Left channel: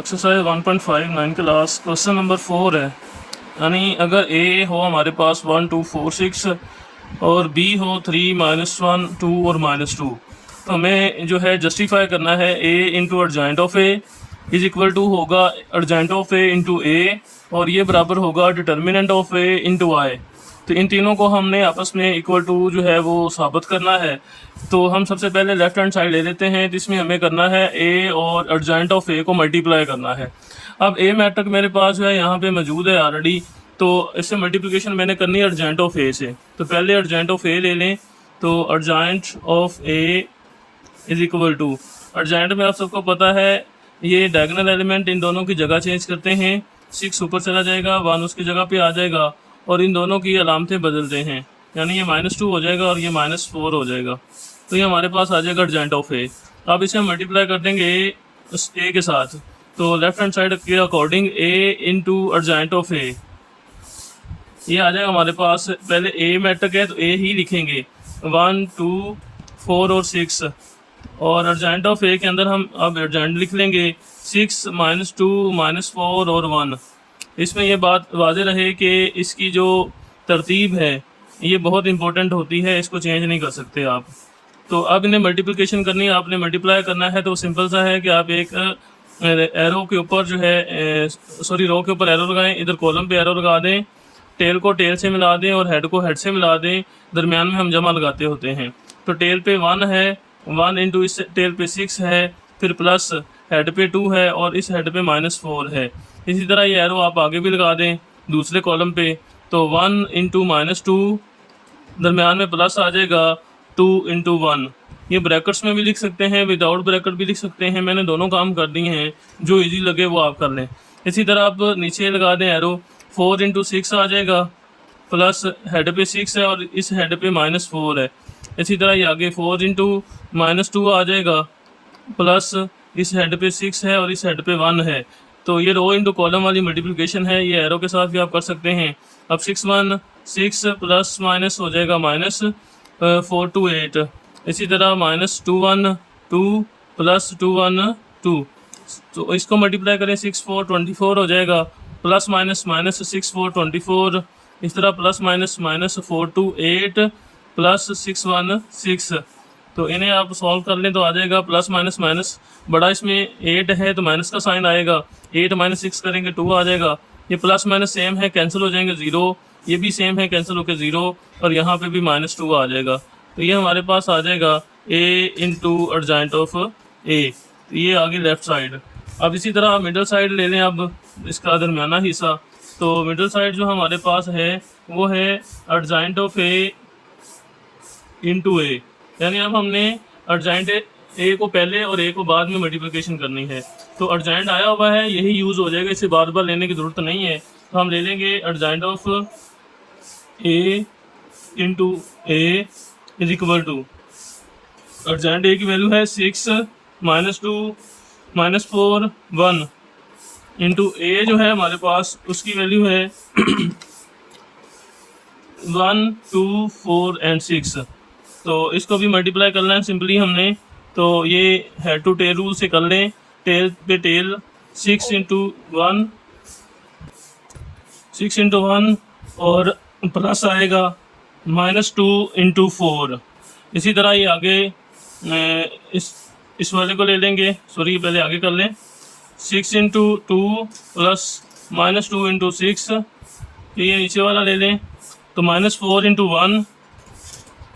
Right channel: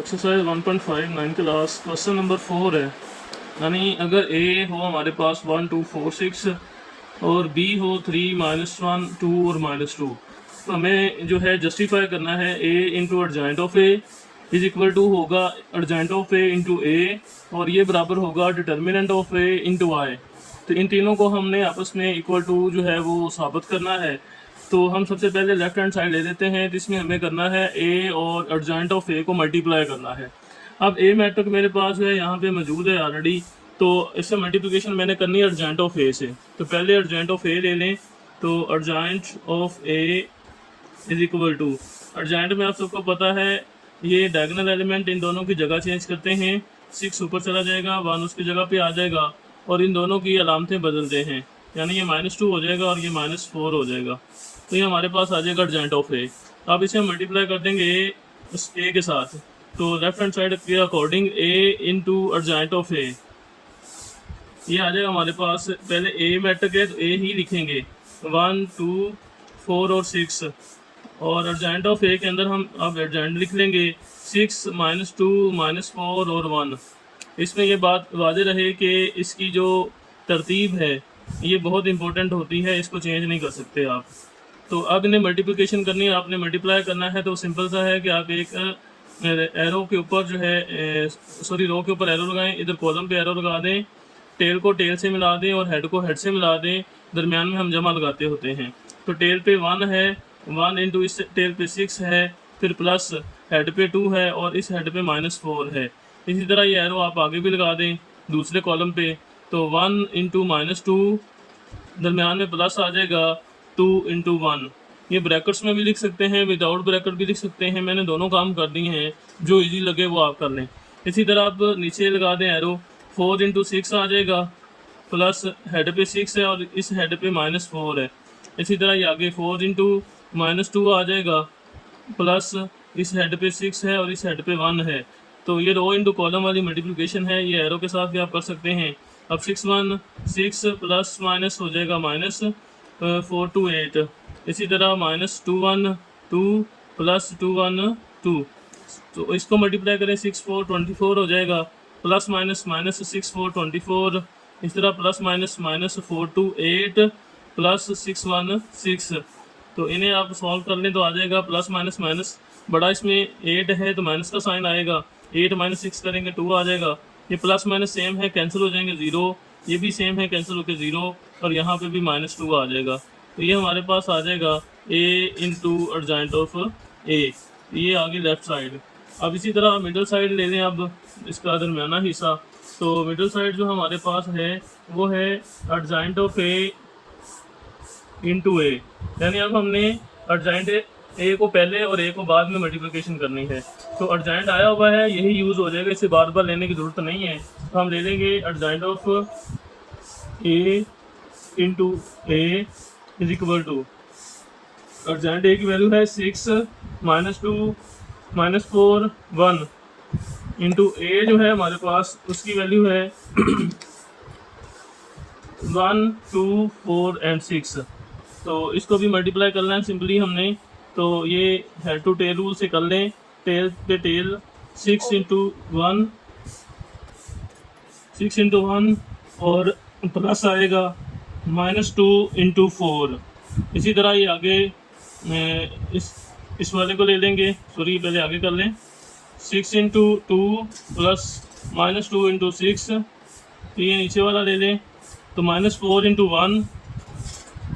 Exercise 1.59 class question number 4 है। यानी अगर ए हो हमारे पास 1 2 4 6 और बी हो 3 -1 2 और -2, तो हमें जो है जस्टिफाई करना है A into adjoint of A is equal to होगा adjoint of A into A, और ये बराबर होगा determinant of A into I. तो इन तीनों को हमने आपस में इक्वल टू जो है वो साबित करना है। तो हम सबसे पहले लेफ्ट हैंड साइड ले लेते हैं, जिसमें हमें करना है ए और अर्जेंट ऑफ ए को मल्टीप्लाई करना है। अब ए मैट्रिक मेरे पास जो है यहाँ पे मौजूद है ऑलरेडी, तो इससे मल्टीप्लिकेशन मैंने करनी है अर्जेंट ऑफ ए से। तो पहले अर्जेंट ऑफ ए ले लें, तो adjoint of A is equal to, adjoint में आप सबको पता है ये डायगोनल एलिमेंट इन दोनों की जगह चेंज करते हैं। 6 ऊपर चला जाएगा, 1 उसकी जगह पे आ जाएगा, और इन दोनों की अलामतें बदलते हैं, यानी ये -2 हो जाएगा और ये -4 हो जाएगा। तो ये हमारे पास आ जाएगा अर्जेंट ऑफ ए। अब इसे हम मल्टीप्लाई कर देंगे ए के साथ, तो लेफ्ट हैंड साइड के according A into adjoint of A ये आ जाएगा हमारे पास। पहले ए मैट्रिक है तो ए ही लिखेंगे, 1 2 4 और 6, और अर्जेंट ऑफ ए के अंदर हम अब अर्जेंट लिख लेंगे 6 -2 -4 और 1। इसमें यह बात वाज़ेह रहे कि इसकी जो तरतीब है ये बहुत इंपॉर्टेंट होती है, इसको चेंज नहीं कर सकते आप। तो अब इन्हें मल्टीप्लिकेशन करनी है, आपने मल्टीप्लाई करना है, तो सिंपल सा है कि आप एक एरो के ऊपर जो है सॉरी रो के ऊपर एरो लगाएं, इधर कॉलम पे एरो लगा दें, टेल को टेल से मिला दें और हेड को हेड से मिला दें, दरमियान में हम जमा लगाते होते हैं। तो टेल पे 1 है, 1 इंटू इस टेल पे 6 है, फिर प्लस हेड पे 2 है और इस हेड पे -4 है। इसी तरह ये एरो आप आगे भी लगा दें दूसरे कॉलम पे, तो 1 इंटू -2, दरमियान में प्लस आ जाएगा 2 इंटू 1। ये ब्रैकेट्स में भी लिख सकते हैं, विदाउट ब्रैकेट भी लिख सकते हैं, मैंने दोनों काम कर दिए हैं, जो इजी लगे वो आप कर लें। इसी तरह आप नीचे लगा दें एरो, 4 इंटू 6 आ जाएगा, प्लस हेड पे 6 है और इस हेड पे -4 है। इसी तरह ये आगे 4 इंटू -2 आ जाएगा, प्लस इस हेड पे 6 है और इस हेड पे 1 है। तो ये रो इंटू कॉलम वाली मल्टीप्लिकेशन है, ये एरो के साथ भी आप कर सकते हैं। अब 6 1 6 प्लस माइनस हो जाएगा -4 2 8। इसी तरह -2 1 2 प्लस 2 1 2, तो इसको मल्टीप्लाई करें 6 4 24 हो जाएगा, प्लस माइनस -6 4 24। इस तरह प्लस माइनस -4 2 8 प्लस 6 1 6। तो इन्हें आप सॉल्व कर लें तो आ जाएगा प्लस माइनस माइनस, बड़ा इसमें 8 है तो माइनस का साइन आएगा, 8 -6 करेंगे 2 आ जाएगा। ये प्लस माइनस सेम है, कैंसिल हो जाएंगे 0, ये भी सेम है, कैंसिल होकर 0, और यहाँ पे भी -2 आ जाएगा। तो ये हमारे पास आ जाएगा a इंटू अर्जेंट ऑफ ए। तो ये आगे लेफ्ट साइड। अब इसी तरह आप मिडल साइड ले लें, अब इसका दरमियाना हिस्सा। तो मिडल साइड जो हमारे पास है वो है अर्जेंट ऑफ ए इंटू ए, यानी अब हमने अर्जेंट ए को पहले और ए को बाद में मल्टीप्लिकेशन करनी है। तो अर्जेंट आया हुआ है, यही यूज़ हो जाएगा, इसे बार बार लेने की ज़रूरत नहीं है। तो हम ले लेंगे adjoint of A into A is equal to, adjoint A की वैल्यू है 6 -2 -4 1 इंटू ए जो है हमारे पास उसकी वैल्यू है 1 2 4 एंड 6। तो इसको भी मल्टीप्लाई करना है सिंपली हमने, तो ये हेड टू टेल रूल से कर लें। टेल पे टेल 6 इंटू 1 6 इंटू 1 और प्लस आएगा -2 इंटू 4। इसी तरह ये आगे इस वाले को ले लेंगे, सॉरी पहले आगे कर लें, 6 इंटू 2 प्लस -2 इंटू 6। ये नीचे वाला ले लें, तो -4 इंटू 1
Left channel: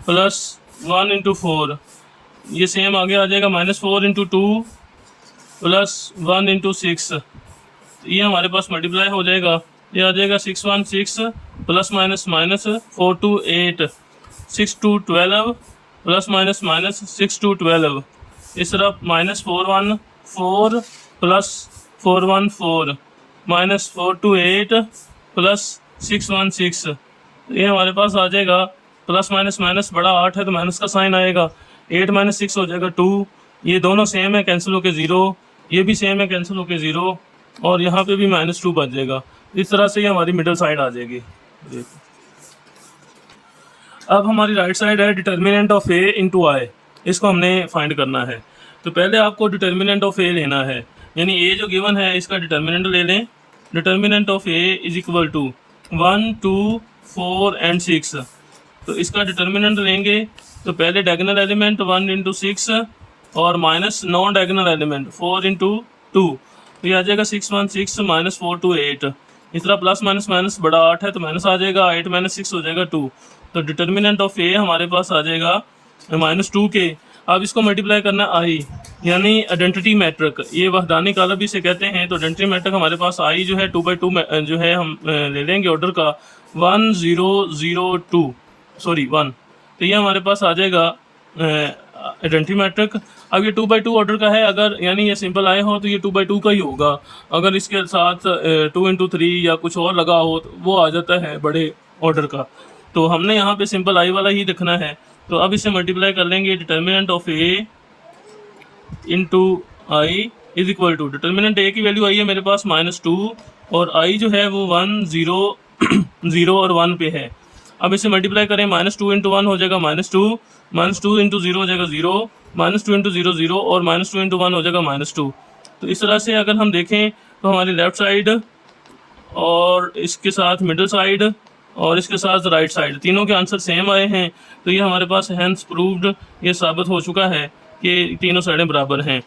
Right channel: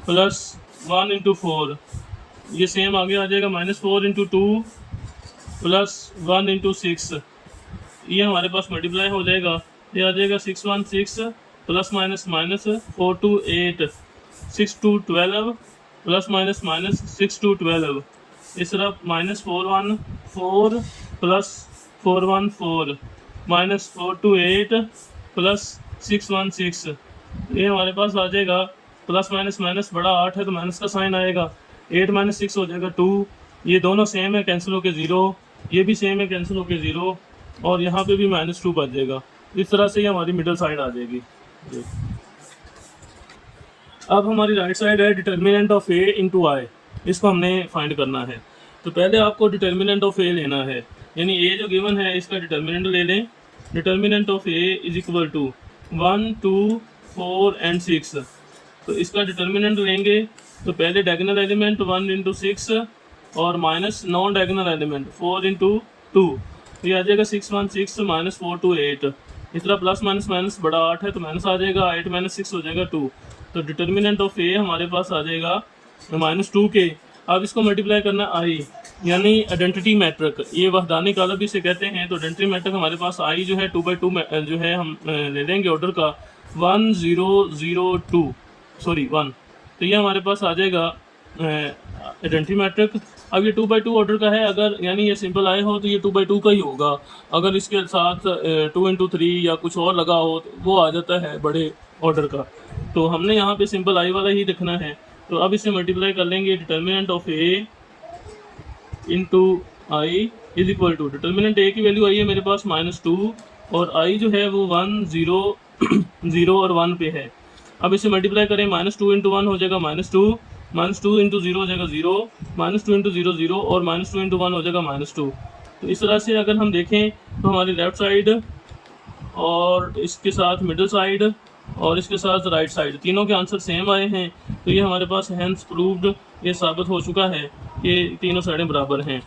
प्लस 1 इंटू 4, ये सेम आगे आ जाएगा, -4 इंटू 2 प्लस 1 इंटू 6। ये हमारे पास मल्टीप्लाई हो जाएगा, ये आ जाएगा 6 1 6 प्लस माइनस -4 2 8 6 2 12 प्लस माइनस 6 2 12। इस तरफ -4 1 4 प्लस 4 1 4 -4 2 8 प्लस 6 1 6। ये हमारे पास आ जाएगा प्लस माइनस बड़ा 8 है तो माइनस का साइन आएगा, 8 -6 हो जाएगा 2। ये दोनों सेम है, कैंसिल होके 0, ये भी सेम है, कैंसिल होके 0, और यहाँ पे भी -2 बच जाएगा। इस तरह से ये हमारी मिडल साइड आ जाएगी। अब हमारी राइट साइड है डिटर्मिनेंट ऑफ ए इंटू आई, इसको हमने फाइंड करना है। तो पहले आपको डिटर्मिनेंट ऑफ ए लेना है। यानी ए जो गिवन है इसका डिटर्मिनेंट ले लें। Determinant of A is equal to 1 2 4 and 6। तो इसका डिटर्मिनेंट लेंगे तो पहले डायगोनल एलिमेंट 1 इंटू 6 और minus non diagonal element 4 into 2, तो ये आ जाएगा 6 1 6 माइनस 4 2 8। इस तरह प्लस माइनस माइनस बड़ा 8 है तो माइनस आ जाएगा, 8 माइनस 6 हो जाएगा 2। तो डिटर्मिनेंट ऑफ ए हमारे पास आ जाएगा -2 के। अब इसको मल्टीप्लाई करना आई, यानी आइडेंटिटी मैट्रिक, ये वहदानी काला भी से कहते हैं। तो आइडेंटिटी मैट्रिक हमारे पास आई जो है 2/2 जो है हम ले लेंगे ऑर्डर का 1 0 0 2 सॉरी 1। तो ये हमारे पास आ जाएगा आइडेंटिटी मैट्रिक। अब ये 2/2 ऑर्डर का है, अगर यानी ये सिंपल आए हो तो ये 2/2 का ही होगा। अगर इसके साथ 2 इंटू 3 या कुछ और लगा हो तो वो आ जाता है बड़े ऑर्डर का। तो हमने यहाँ पे सिंपल आई वाला ही लिखना है। तो अब इसे मल्टीप्लाई कर लेंगे, determinant of A into I is equal to, determinant A की वैल्यू आई है मेरे पास -2 और आई जो है वो 1 0 0 और 1 पे है। अब इसे मल्टीप्लाई करें, -2 इंटू 1 हो जाएगा -2, -2 इंटू 0 हो जाएगा 0, -2 इंटू 0 0 और -2 इंटू 1 हो जाएगा -2। तो इस तरह से अगर हम देखें तो हमारी लेफ्ट साइड और इसके साथ मिडिल साइड और इसके साथ राइट साइड तीनों के आंसर सेम आए हैं। तो ये हमारे पास हैंस प्रूव्ड, ये साबित हो चुका है कि तीनों साइडें बराबर हैं।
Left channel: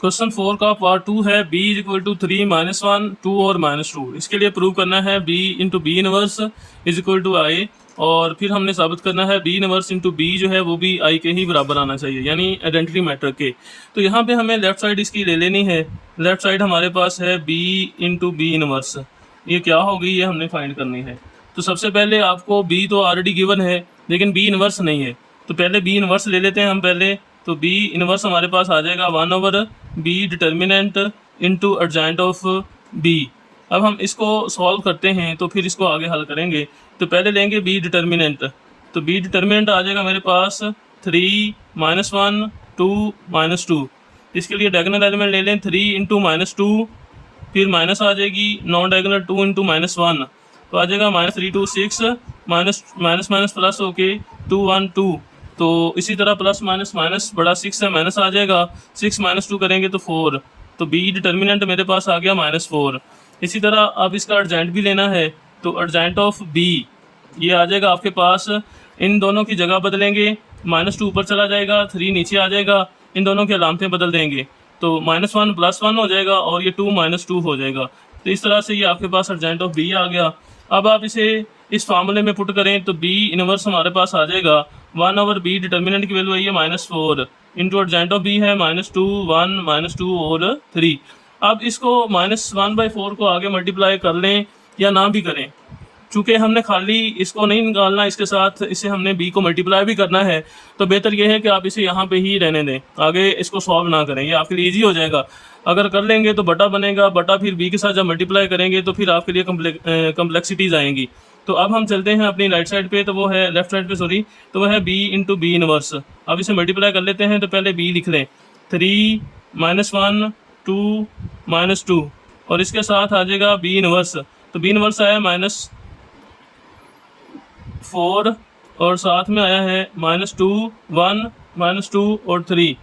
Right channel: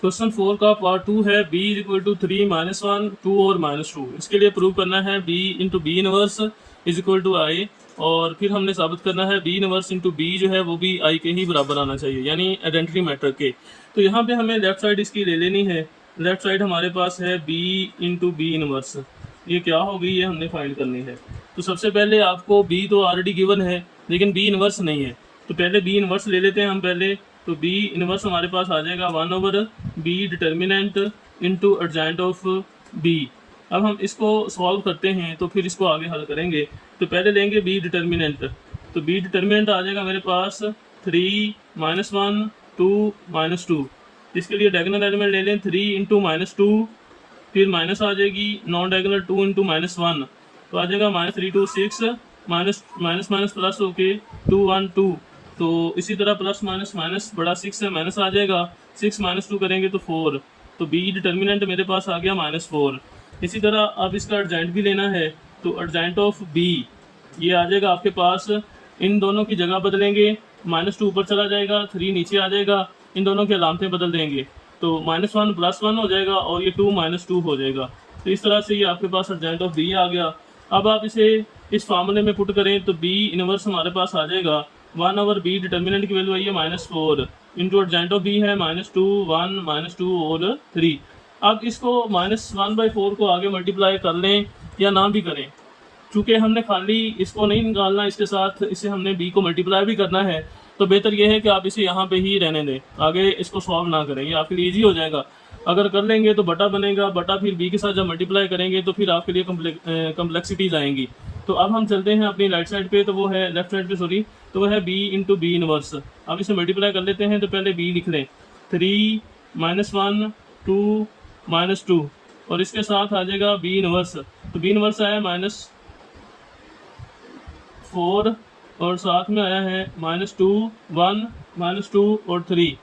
क्वेश्चन 4 का पार्ट 2 है, b इज इक्वल टू 3 -1 2 और -2। इसके लिए प्रूव करना है b into B inverse is equal to I, और फिर हमने साबित करना है b इनवर्स इंटू बी जो है वो भी i के ही बराबर आना चाहिए, यानी आइडेंटिटी मैट्रिक के। तो यहाँ पे हमें लेफ्ट साइड इसकी ले लेनी है। लेफ्ट साइड हमारे पास है b इंटू बी इनवर्स, ये क्या होगी ये हमने फाइंड करनी है। तो सबसे पहले आपको b तो ऑलरेडी गिवन है लेकिन b इनवर्स नहीं है, तो पहले b इनवर्स ले लेते हैं हम पहले। तो b इनवर्स हमारे पास आ जाएगा 1/b determinant into adjoint of b। अब हम इसको सॉल्व करते हैं तो फिर इसको आगे हल करेंगे। तो पहले लेंगे b डिटर्मिनेंट, तो b डिटर्मिनेंट आ जाएगा मेरे पास 3 -1 2 -2। इसके लिए डायगोनल एलिमेंट ले लें 3 इंटू -2, फिर माइनस आ जाएगी नॉन डायगोनल 2 इंटू -1, तो आ जाएगा -3 2 6 माइनस माइनस प्लस होके 2 1 2। तो इसी तरह प्लस माइनस माइनस बड़ा 6 है, माइनस आ जाएगा 6 -2 करेंगे तो 4। तो b डिटर्मिनेंट मेरे पास आ गया -4। इसी तरह अब इसका एडजॉइंट भी लेना है, तो एडजॉइंट ऑफ b ये आ जाएगा आपके पास, इन दोनों की जगह बदलेंगे, -2 ऊपर चला जाएगा 3 नीचे आ जाएगा, इन दोनों की अलामतें बदल देंगे तो -1 +1 हो जाएगा और ये 2 -2 हो जाएगा। तो इस तरह से ये आपके पास एडजॉइंट ऑफ b आ गया। अब आप इसे इस फार्मूले में पुट करें तो b इनवर्स हमारे पास आ जाएगा 1/b, डिटर्मिनेंट की वैल्यू आई है -4 इंटू एडजॉइंट ऑफ b है -2 1 -2 और 3। अब इसको -1/4 को आगे मल्टीप्लाई कर लें या ना भी करें, चूँकि हमने खाली इसको नहीं निकालना, इसके साथ इसे हमने b को मल्टीप्लाई भी करना है, तो बेहतर यह है कि आप इसे यहाँ पे ही रहने दें, आगे इसको सॉल्व ना करें, ये आपके लिए ईजी हो जाएगा। अगर कर लेंगे तो बटा बनेगा, बटा फिर b के साथ जब मल्टीप्लाई करेंगे तो फिर आपके लिए कम्प्लेक्सिटीज़ आएंगी। तो अब हम चलते हैं अपनी राइट साइड पे, तो वो है लेफ्ट साइड पे सॉरी, तो वो है b इंटू बी इनवर्स। अब इसे मल्टीप्लाई कर लेते हैं, तो पहले b लिख लें 3 -1 2 -2 और इसके साथ आ जाएगा b इनवर्स। तो b इनवर्स आया -4 और साथ में आया है -2 1 -2 और 3।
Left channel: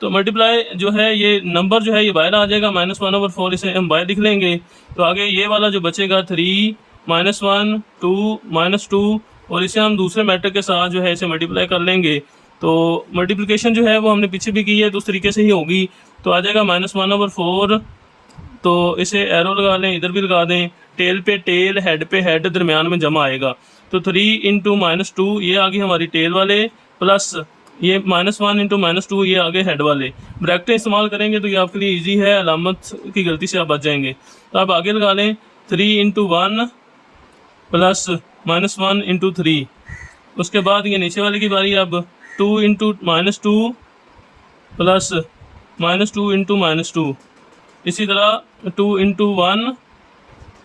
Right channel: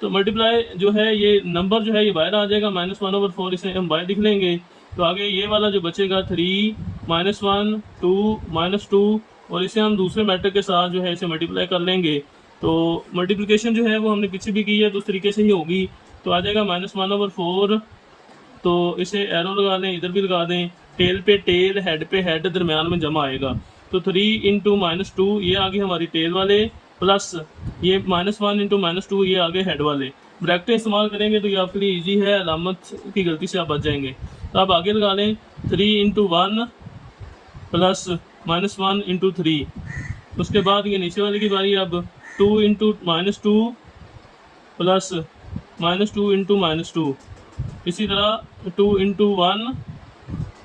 तो मल्टीप्लाई जो है ये नंबर जो है ये बाहर आ जाएगा -1/4, इसे हम बाहर लिख लेंगे। तो आगे ये वाला जो बचेगा 3 -1 2 -2 और इसे हम दूसरे मैट्रिक के साथ जो है इसे मल्टीप्लाई कर लेंगे। तो मल्टीप्लिकेशन जो है वो हमने पीछे भी की है तो उस तरीके से ही होगी। तो आ जाएगा -1/4, तो इसे एरो लगा लें, इधर भी लगा दें, टेल पे टेल, हेड पे हेड, दरमियान में जमा आएगा। तो 3 इंटू -2 ये आ गई हमारी टेल वाले, प्लस ये -1 इंटू -2 ये आगे हेड वाले। ब्रैकेटें इस्तेमाल करेंगे तो ये आपके लिए इजी है, अलामत की गलती से आप बच जाएंगे। तो आप आगे लगा लें 3 इंटू 1 प्लस -1 इंटू 3। उसके बाद ये नीचे वाले की बारी, अब 2 इंटू -2 प्लस -2 इंटू -2। इसी तरह 2 इंटू 1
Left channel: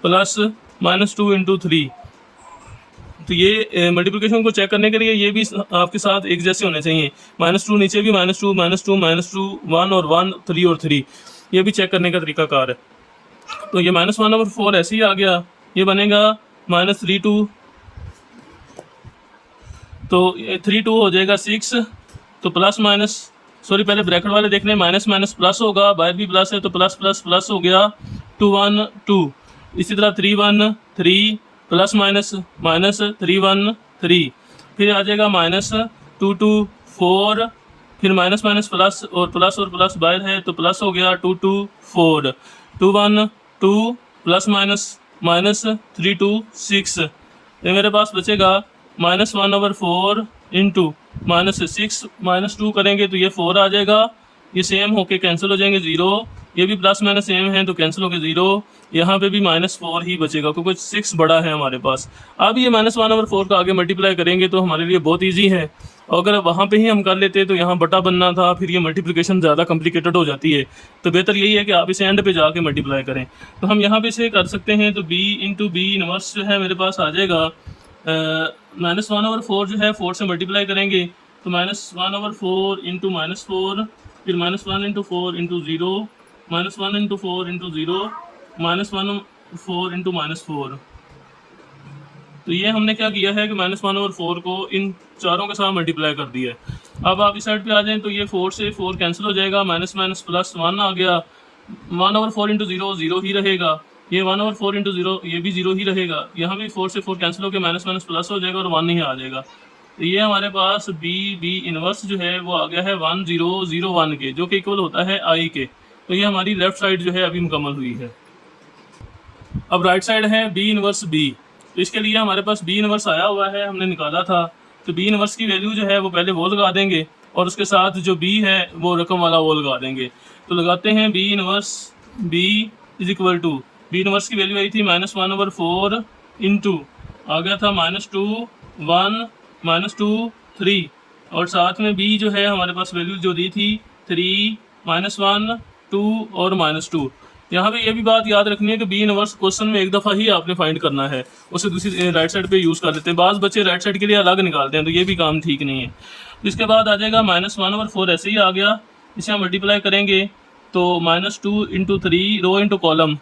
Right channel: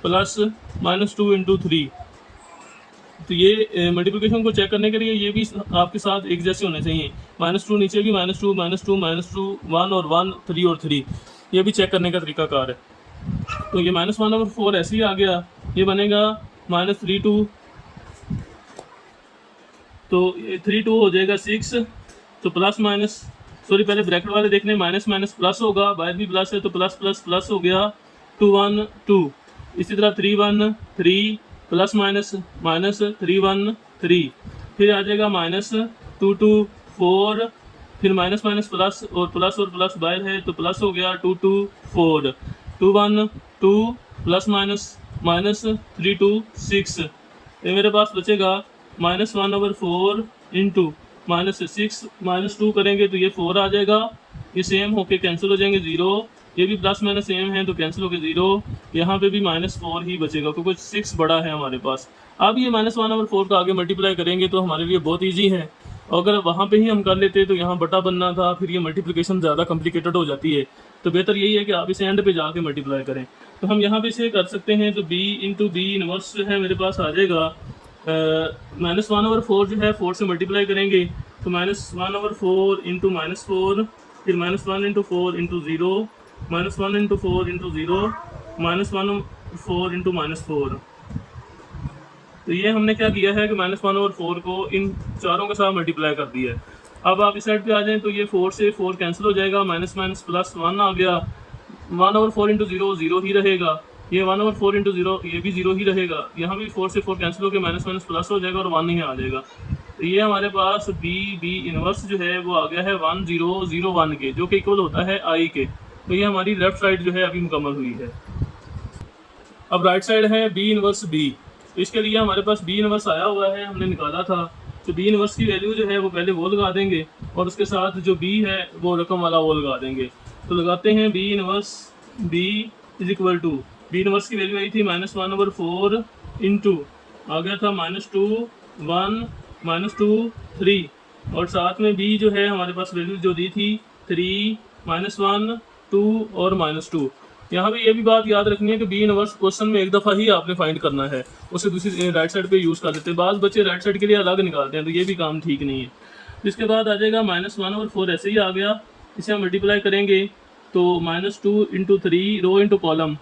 प्लस -2 इंटू 3। तो ये मल्टीप्लिकेशन को चेक करने के लिए ये भी आपके साथ एक जैसे होने चाहिए, -2 नीचे भी -2 -2 -2 1 और 1 3 और 3, ये भी चेक करने का तरीकाकार है। तो ये -1/4 ऐसे ही आ गया, ये बनेगा -3 2, तो 3 2 हो जाएगा 6, तो प्लस माइनस सॉरी पहले ब्रैकेट वाले देखने, माइनस माइनस प्लस होगा, बाहर भी प्लस है तो प्लस प्लस प्लस हो गया, 2 1 2। इसी तरह 3 1 3 प्लस माइनस माइनस 3 1 3, फिर आ जाएगा माइनस 2 2 4, फिर माइनस माइनस प्लस और प्लस बाहर है तो प्लस हो गया 2 2 4, 2 1 2 प्लस माइनस माइनस 3 2 6। ये मेरे पास बचेगा माइनस 1/4 इंटू माइनस 6 माइनस 2 करेंगे तो ये 4 आ जाएगा, ये सेम होके कैंसिल हो जाएंगे 0, ये भी प्लस माइनस सेम है तो कैंसिल होके 0, यहाँ पे भी -4 ही बचेगा क्योंकि 6 बड़ा है हमारे पास। अब ये -1/4 का आगे मल्टीप्लाई करेंगे तो हमारे लिए बहुत ईजी है, और अगर वहाँ पे ही हम कर लेते तो यहाँ बटा बनना था, फिर ये मल्टीप्लिकेशन ज़्यादा कॉम्प्लिकेटेड हो जाती है। तो बेहतर यही है कि आप इसे एंड पे जाके मल्टीप्लाई करें। तो हम यहाँ पे इसे कर सकते हैं, तो b इंटू बी इनवर्स जो है मेरे पास आ जाएगा -1/4 जो है 4 से मल्टीप्लाई करेंगे तो -1/4 इंटू -4, फिर -1 into 4 into 0, -1 into 4 into 0, -1/4 into -4। तो ये हमने क्या किया है कि -1/4 को इन चारों के साथ मल्टीप्लाई कर दिया है। अब आप इस साइड पे आ जाएं तो ये 4 से 4 कैंसिल हो जाएगा, माइनस माइनस प्लस 1 आ गया, 1/4 इंटू 0 0 ही रहेगा, ये 1/4 इंटू 0 ये भी 0 ही रहेगा, यहाँ भी 4 से 4 कैंसिल होकर माइनस माइनस प्लस हो जाएगा और 1 ही आ जाएगा। तो ये हमारे पास बी इनवर्स जो है वो आ गया है 1001 के, जो कि इक्वल होता है आई के। तो ये हमारी लेफ्ट साइड जो है अभी मुकम्मल हुई है। अब राइट साइड है बी इनवर्स बी, तो इसके लिए हमारे पास बी इनवर्स आया हुआ है, हमने निकाला था। तो बी इनवर्स की वैल्यू जो है वो पहले वो लगा देंगे और उसके साथ जो बी है वो रकम वाला वो लगा देंगे। तो लगाते हैं B inverse B is equal to, B inverse की वैल्यू आई थी -1/4 इंटू आ गया था -2 1 -2 3, और साथ में बी जो है हमारे पास वैल्यू जो दी थी 3 -1 2 और -2। यहाँ पे ये भी बात याद रखनी है कि बी इनवर्स क्वेश्चन में एक दफ़ा ही आपने फाइंड करना है, उसे दूसरी राइट साइड पे यूज़ कर लेते हैं। बाज़ बच्चे राइट साइड के लिए अलग निकालते हैं, तो ये भी काम ठीक नहीं है। इसके बाद आ जाएगा -1/4, ऐसे ही आ गया, इसे हम मल्टीप्लाई करेंगे तो -2 इंटू 3 रो इंटू कॉलम,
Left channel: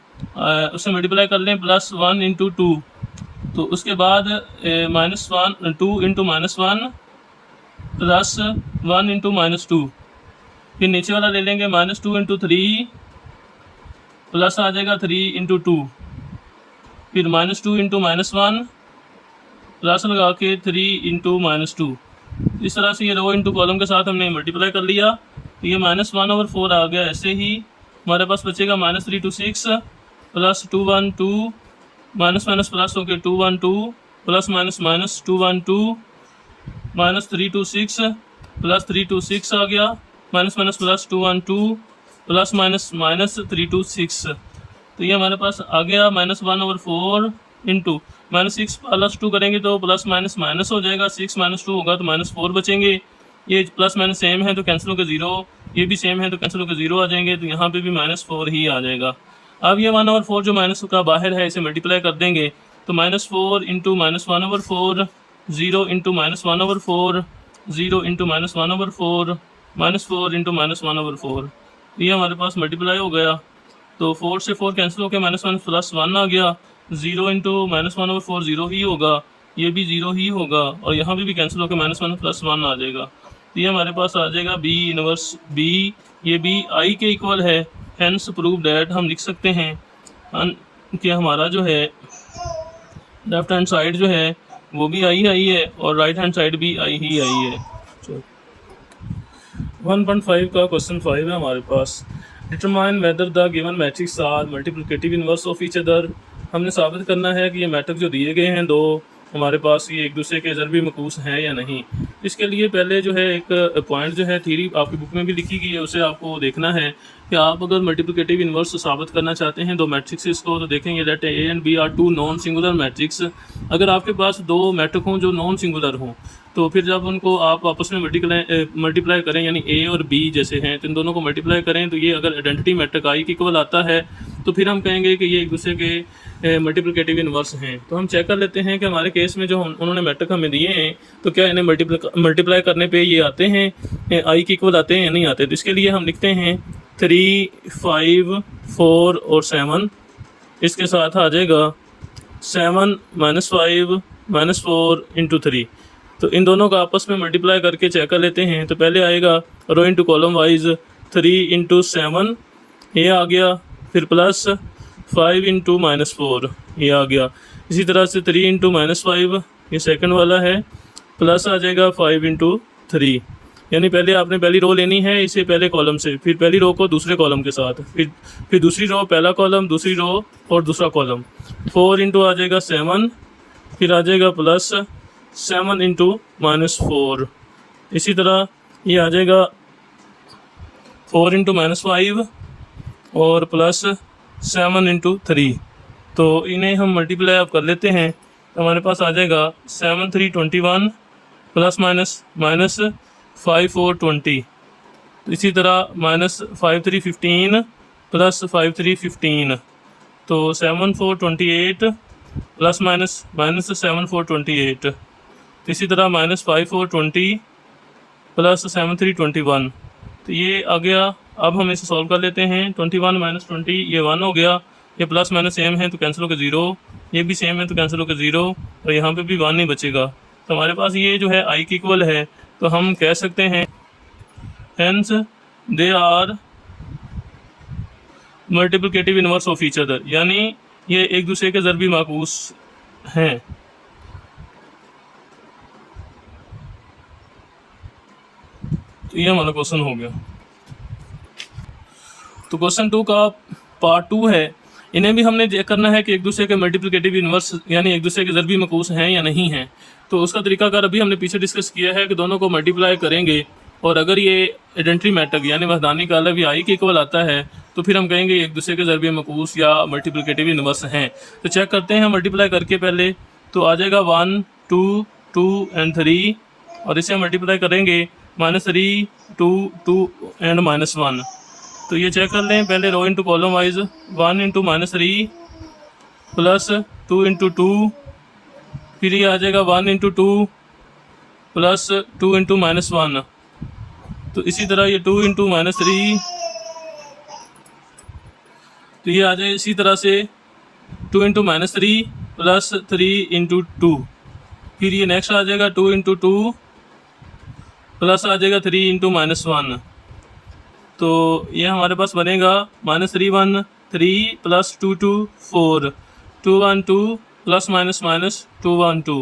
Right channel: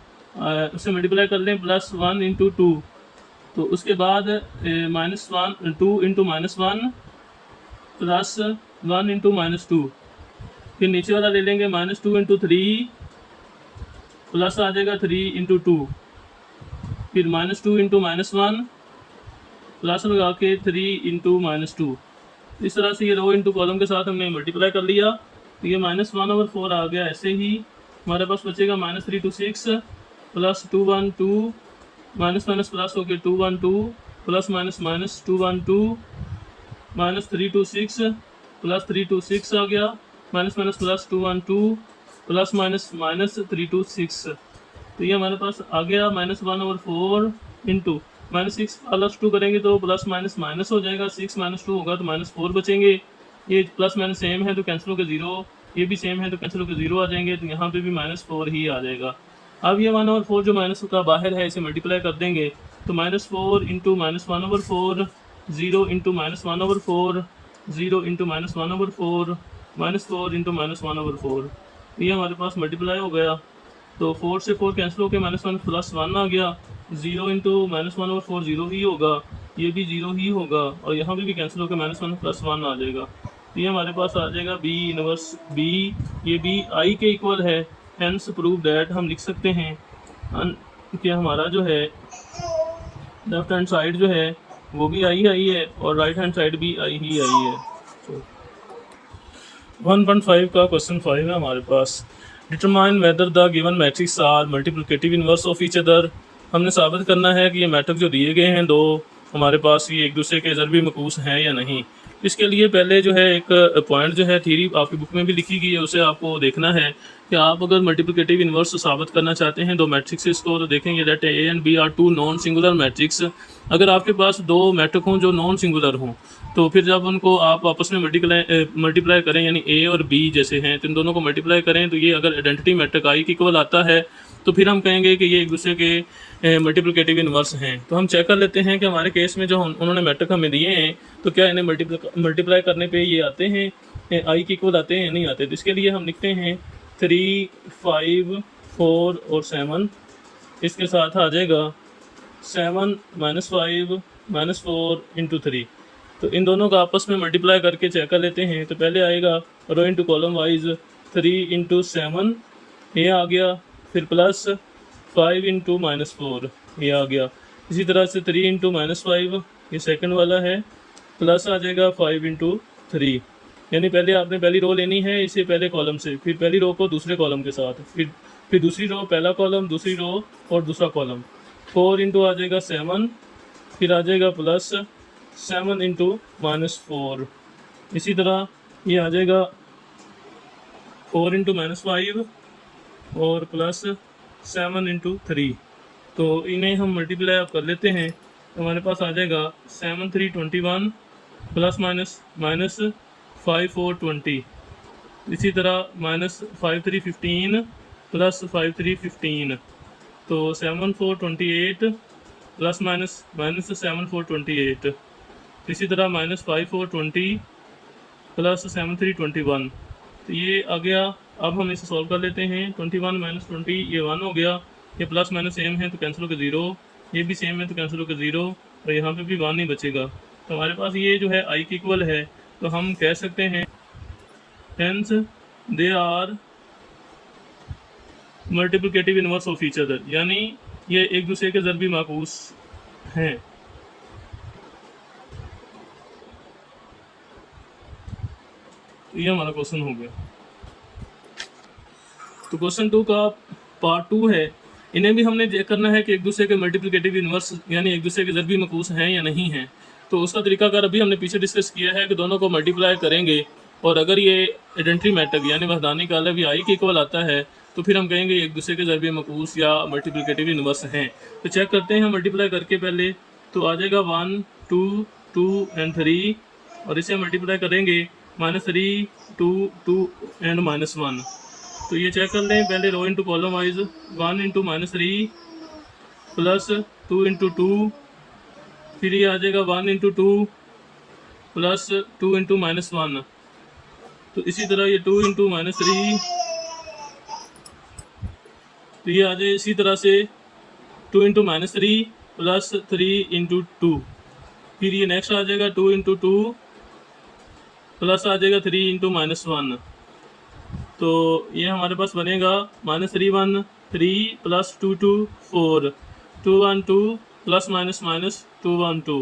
उसे मल्टीप्लाई कर लें +1 इंटू 2, तो उसके बाद -1 2 इंटू -1 प्लस 1 इंटू -2, फिर नीचे वाला ले लेंगे -2 इंटू 3 प्लस आ जाएगा 3 इंटू 2, फिर -2 इंटू -1 प्लस लगा के 3 इंटू -2। इस तरह से ये रो इंटू कॉलम के साथ हमने मल्टीप्लाई कर लिया, तो ये -1/4 आ गया। ऐसे ही हमारे पास बचेगा -3 2 6 प्लस 2 1 2 माइनस माइनस प्लस हो गया 2 1 2 प्लस माइनस माइनस 2 1 2 -3 2 6 प्लस 3 2 6 आ गया, minus minus plus 2 1 2 plus minus minus 3 2 6। तो ये हमारे पास आ गया -1/4 इंटू -6 प्लस 2 करेंगे तो प्लस माइनस माइनस हो जाएगा, 6 -2 होगा तो -4 बचेंगे। ये प्लस माइनस सेम है तो कैंसिल होकर 0, ये भी सेम है तो कैंसिल होकर 0 आ जाएंगे, तो यहाँ पे भी -4 ही आ जाएगा। अब ये 1/4 जो माइनस का बाहर है इसे मल्टीप्लाई कर देंगे तो -4 इंटू -1/4 0 इंटू -1/4 0 इंटू -1/4 -4 इंटू -1/4, ये हमारे पास मल्टीप्लाई हो गया। तो 4 से 4 कैंसिल होकर -1 प्लस 1 आ गया, 0 इंटू -1/4 0 ही होगा, ये भी 0 ही होगा, और यहाँ भी कैंसिल होकर -1 प्लस 1 आ जाएगा। तो ये हमारे पास आ जाएगा बी इनवर्स बी, ये बी आई के इक्वल है, हेंस प्रूव डैट हम लिख सकते हैं कि हमारा जो है लेफ्ट हैंड साइड जो है वो भी आई है और राइट हैंड साइड भी आई है। 1.5 का क्वेश्चन 5 है हमारे पास। Determine whether the given matrix are multiplicative inverse of each other. हमने साबित करना है कि ये मैट्रिक्स जो दिए गए हैं दो हमारे पास ये एक दूसरे के ज़रबी मकूस हैं या नहीं। इसके लिए पहले जो है एक पॉइंट जो है थ्योरी आपकी बुक में भी लिखी गई है, उसे आपको देखना है कि आप अगर मल्टीप्लिकेटिव इनवर्स साबित करना चाहते हैं दो मैट्रिक्स को, तो देखेंगे that A and B are two non singular matrix. अगर आपके पास दो मैट्रिक हों जो नॉन सिंगुलर हों, तो फिर जब उनको आप आपस में मल्टीप्लाई करें, यानी ए और बी जैसे हैं, तो इन दोनों को मल्टीप्लाई करें तो ये अगर आइडेंटिटी मैट्रिक आई के इक्वल आता है तो फिर हम कहेंगे कि ये एक दूसरे के मल्टीप्लिकेटिव इनवर्स हैं। तो हम चेक कर लेते हैं कि हमारे केस में जो उन्होंने मैट्रिक हमें दिए हैं तो क्या इन्हें मल्टीप्लाई करने पे ये आते हैं, आई के इक्वल आते हैं या नहीं आते। तो इसके लिए हम लिखते हैं 3 5 4 और 7, इसके साथ आ जाएगा 7 -5 -4 इंटू 3। तो इन दोनों का आपस में मल्टीप्लाई करके चेक कर लेते हैं। तो पहले आएगा रो इंटू कॉलम वाइज 3 इंटू 7 ये आ गया, फिर प्लस 5 इंटू -4 ये आ गया। इसी तरह से 3 इंटू -5 ये सेकंड वाला है, प्लस आ जाएगा 5 इंटू 3। यानी पहले आपने पहली रो लेनी है इसे पहले कॉलम से, फिर पहली रो को दूसरे कॉलम के साथ, फिर दूसरी रो पहला कॉलम, दूसरी रो और दूसरा कॉलम। 4 इंटू आ जाएगा 7, फिर आ जाएगा प्लस 7 इंटू -4। इसी तरह ये आ जाएगा 4 इंटू -5 और प्लस 7 इंटू 3। तो इन्हें हम मल्टीप्लाई अब कर लेते हैं। हमारे पास आ जाएगा 7 3 21 प्लस माइनस 5 4 20। इसी तरह -5 3 15 प्लस 5 3 15। तो 7 4 28 प्लस माइनस 7 4 28। इसी तरह -5 4 20 प्लस 7 3 21। तो ये आ गया। अब हम इसे सॉल्व कर लेते हैं। 21 माइनस 20 ये 1 हो गया, ये प्लस माइनस सेम है तो कैंसिल होकर 0, ये भी सेम है तो कैंसिल होकर 0, और यहाँ पे भी 1 नहीं बचेगा। तो हमारे पास ये जो है आई की इक्वल है, तो हम कह सकते हैं hence they are multiplicative inverse of each other, यानी ये एक दूसरे के ज़रबी माकूस हैं। तो ये हमारा क्वेश्चन हो गया। तो क्वेश्चन 2 का पार्ट 2 है। इन्हें भी हमने चेक करना है कि एक दूसरे के मल्टीप्लिकेटिव इनवर्स यानी एक दूसरे के ज़रबी माकूस हैं या नहीं हैं। तो उसका तरीकाकार अभी हमने पीछे डिस्कस किया है कि दोनों को मल्टीप्लाई करेंगे और अगर ये आइडेंटिटी मैट्रिक्स यानी वहदानी का अलग या आई के इक्वल आता है तो फिर हम कहेंगे एक दूसरे के ज़रबी माकूस या मल्टीप्लिकेटिव इनवर्स हैं। तो चेक करते हैं हम मल्टीप्लाई करके पहले। तो आ जाएगा 1 2 2 एंड 3, और इसे हम मल्टीप्लाई करेंगे -3 2 2 एंड -1। तो ये चेक कर लें पहले row into column wise. 1 into -3 plus 2 into 2, फिर ये आ जाएगा 1 इंटू 2 प्लस 2 इंटू -1। तो इसी तरह ये 2 इंटू -3, तो ये आ जाए इसी तरह से 2 इंटू -3 प्लस 3 इंटू 2। फिर ये नेक्स्ट आ जाएगा 2 इंटू 2 प्लस आ जाएगा 3 इंटू -1। तो ये हमारे पास बनेगा -3 1 3 प्लस 2 2 4 2 1 2 प्लस माइनस 2 1 2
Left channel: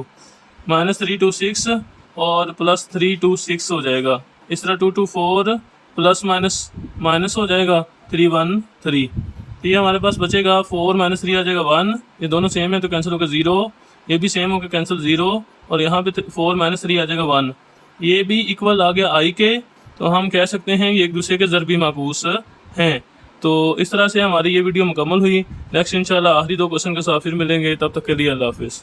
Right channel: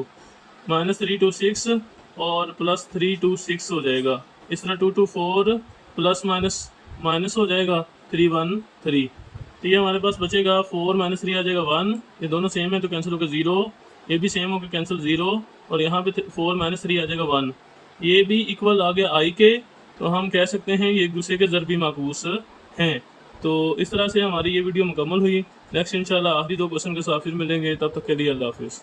-3 2 6 और प्लस 3 2 6 हो जाएगा। इस तरह 2 2 4 प्लस माइनस हो जाएगा 3 1 3। तो ये हमारे पास बचेगा 4 -3 आ जाएगा 1, ये दोनों सेम है तो कैंसिल होकर 0, ये भी सेम होकर कैंसिल 0, और यहाँ पे 4 -3 आ जाएगा 1, ये भी इक्वल आ गया आई के। तो हम कह सकते हैं ये एक दूसरे के ज़रबी माकूस हैं। तो इस तरह से हमारी ये वीडियो मुकम्मल हुई। नेक्स्ट इंशाल्लाह आखिरी 2 क्वेश्चन के साथ फिर मिलेंगे, तब तक के लिए अल्लाह हाफिज़।